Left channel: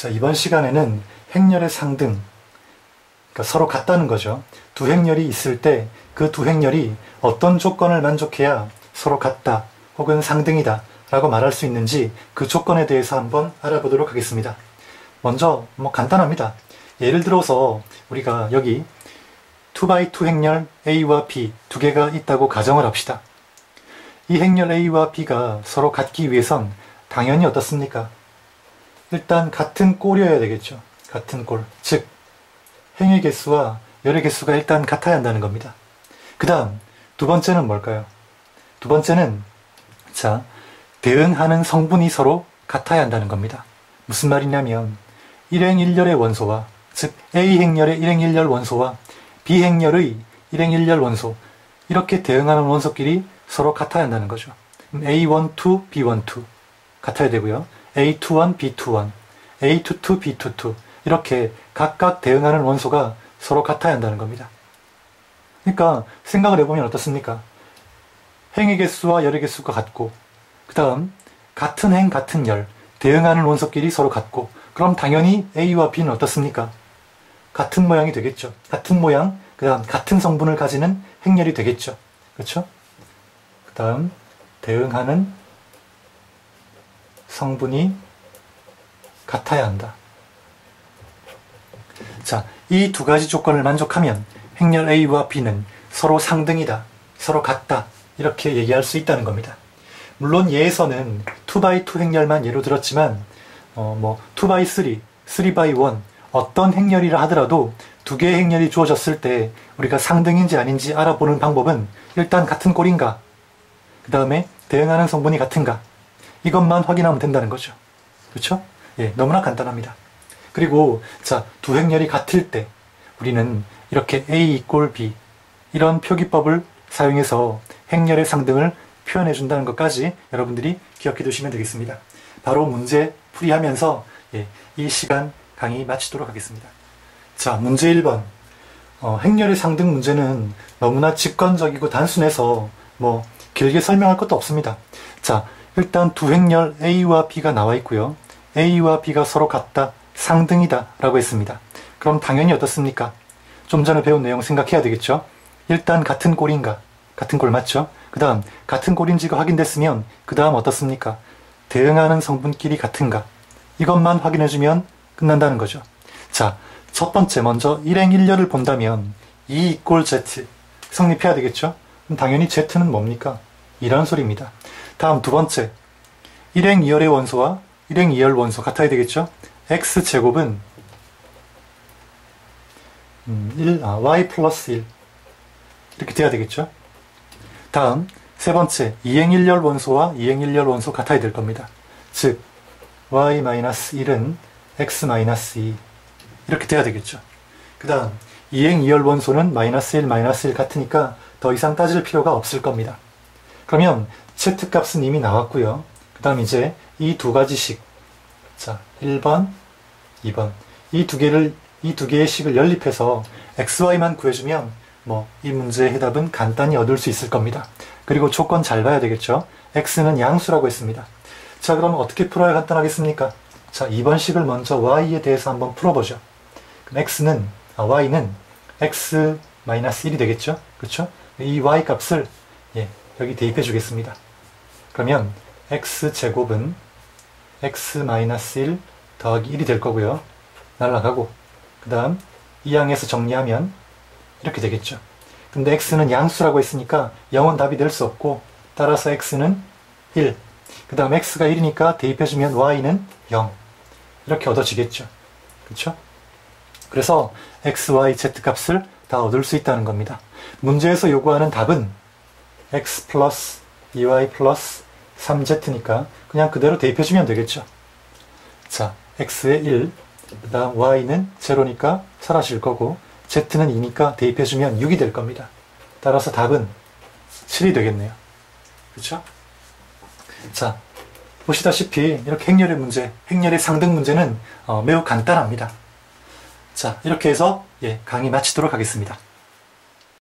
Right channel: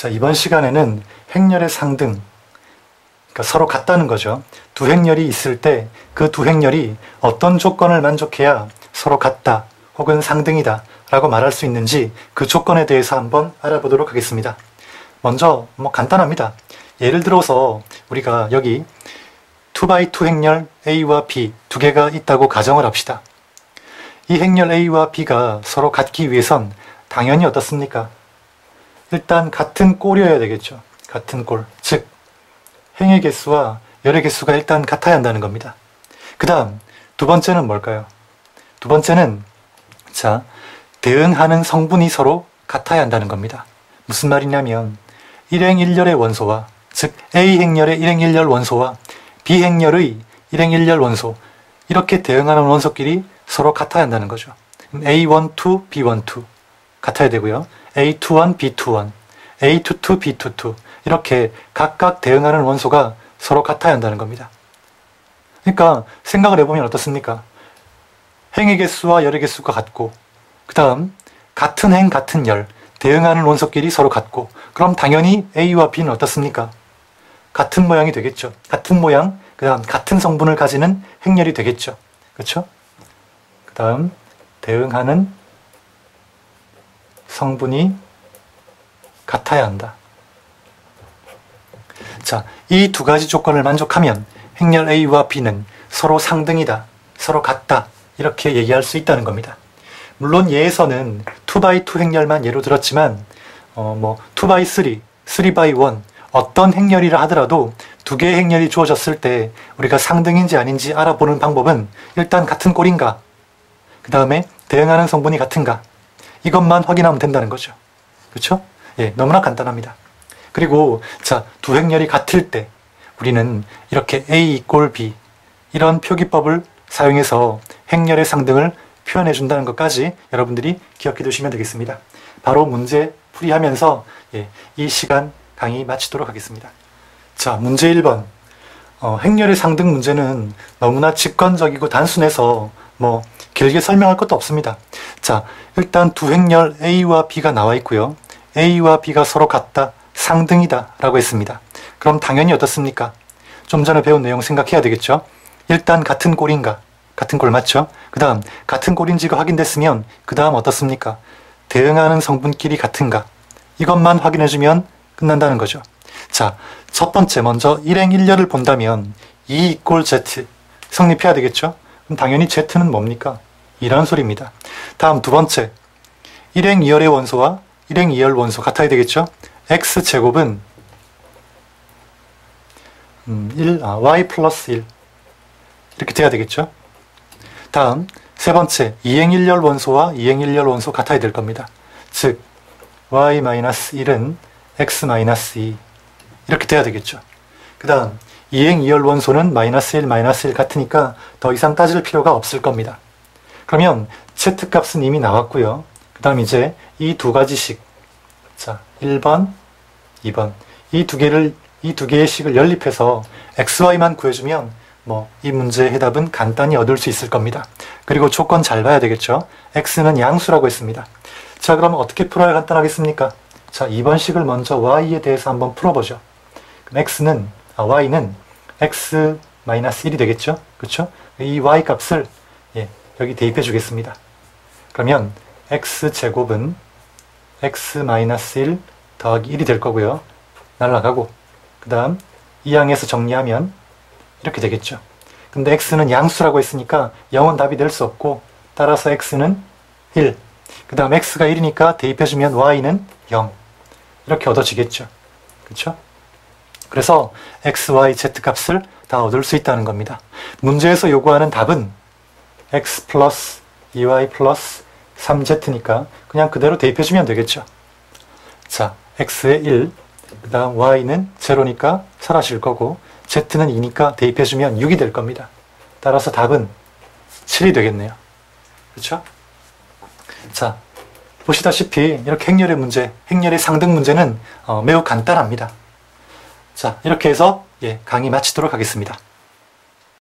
자, 이번 시간에는 행렬의 상등, 그러니까 서로 같다는 거죠. 두 행렬이 있을 때 그 두 행렬이 어떤 조건을 만족해야 서로 같다 혹은 상등이다 라고 말할 수 있는지 그 조건에 대해서 한번 알아보도록 하겠습니다. 먼저 간단합니다. 예를 들어서 우리가 여기 2x2 행렬 A와 B 두 개가 있다고 가정을 합시다. 이 행렬 A와 B가 서로 같기 위해선 당연히 어떻습니까? 일단 같은 꼴이어야 되겠죠. 같은 꼴. 즉 행의 개수와 열의 개수가 일단 같아야 한다는 겁니다. 그 다음 두 번째는 뭘까요? 두 번째는 자, 대응하는 성분이 서로 같아야 한다는 겁니다. 무슨 말이냐면 1행 1열의 원소와 즉 A 행렬의 1행 1열 원소와 B 행렬의 1행 1열 원소 이렇게 대응하는 원소끼리 서로 같아야 한다는 거죠. A12, B12 같아야 되고요. A21, B21, A22, B22 이렇게 각각 대응하는 원소가 서로 같아야 한다는 겁니다. 그러니까 생각을 해보면 어떻습니까? 행의 개수와 열의 개수가 같고 그 다음 같은 행, 같은 열 대응하는 원소끼리 서로 같고 그럼 당연히 A와 B는 어떻습니까? 같은 모양이 되겠죠. 같은 모양, 그 다음 같은 성분을 가지는 행렬이 되겠죠. 그렇죠? 그 다음 대응하는 성분이 같아야 한다. 자, 이 두 가지 조건을 만족하면 행렬 A와 B는 서로 상등이다, 서로 같다 이렇게 얘기할 수 있다는 겁니다. 물론 예에서는 2x2 행렬만 예로 들었지만 2x3, 3x1 어떤 행렬이라 하더라도 두 개의 행렬이 주어졌을 때 우리가 상등인지 아닌지 알아보는 방법은 일단 같은 꼴인가, 그 다음에 대응하는 성분이 같은가 이것만 확인하면 된다는 거죠. 그렇죠? 예, 너무나 간단합니다. 그리고 자, 두 행렬이 같을 때 우리는 이렇게 A 이꼴 B 이런 표기법을 사용해서 행렬의 상등을 표현해 준다는 것까지 여러분들이 기억해 두시면 되겠습니다. 바로 문제 풀이하면서 이 시간 강의 마치도록 하겠습니다. 자, 문제 1번. 행렬의 상등 문제는 너무나 직관적이고 단순해서 길게 설명할 것도 없습니다. 자, 일단 두 행렬 A와 B가 나와 있고요. A와 B가 서로 같다, 상등이다 라고 했습니다. 그럼 당연히 어떻습니까? 좀 전에 배운 내용 생각해야 되겠죠? 일단 같은 꼴인가? 같은 꼴 맞죠? 그 다음 같은 꼴인지가 확인됐으면 그 다음 어떻습니까? 대응하는 성분끼리 같은가? 이것만 확인해주면 끝난다는 거죠. 자, 첫 번째 먼저 1행 1열을 본다면 2 이꼴 Z 성립해야 되겠죠? 그럼 당연히 Z는 뭡니까? 2라는 소리입니다. 다음 두 번째 1행 2열의 원소와 1행 2열 원소 같아야 되겠죠? X제곱은 Y 플러스 1 이렇게 돼야 되겠죠? 다음 세 번째 2행 1열 원소와 2행 1열 원소 같아야 될 겁니다. 즉 Y-1은 X-2 이렇게 돼야 되겠죠. 그 다음 2행 2열 원소는 -1, -1 같으니까 더 이상 따질 필요가 없을 겁니다. 그러면 Z값은 이미 나왔고요. 그 다음 이제 이 두 가지식 자 1번, 2번 이 두 개의 식을 연립해서 XY만 구해주면 이 문제의 해답은 간단히 얻을 수 있을 겁니다. 그리고 조건 잘 봐야 되겠죠. X는 양수라고 했습니다. 자, 그러면 어떻게 풀어야 간단하겠습니까? 자, 2번 식을 먼저 Y에 대해서 한번 풀어보죠. 그럼 Y는 X-1이 되겠죠? 그렇죠? 이 Y 값을 여기 대입해 주겠습니다. 그러면 X제곱은 X-1 더하기 1이 될 거고요. 날라가고 그 다음 이 항에서 정리하면 이렇게 되겠죠. 근데 X는 양수라고 했으니까 0은 답이 될 수 없고 따라서 X는 1 그 다음 X가 1이니까 대입해주면 Y는 0 이렇게 얻어지겠죠. 그렇죠? 그래서 X, Y, Z 값을 다 얻을 수 있다는 겁니다. 문제에서 요구하는 답은 X 플러스 2Y 플러스 3Z니까 그냥 그대로 대입해주면 되겠죠. 자, X에 1, 그 다음 Y는 0니까 사라질 거고 Z는 2니까 대입해주면 6이 될 겁니다. 따라서 답은 7이 되겠네요. 그렇죠? 자, 보시다시피 이렇게 행렬의 문제, 행렬의 상등 문제는 매우 간단합니다. 자, 이렇게 해서 강의 마치도록 하겠습니다.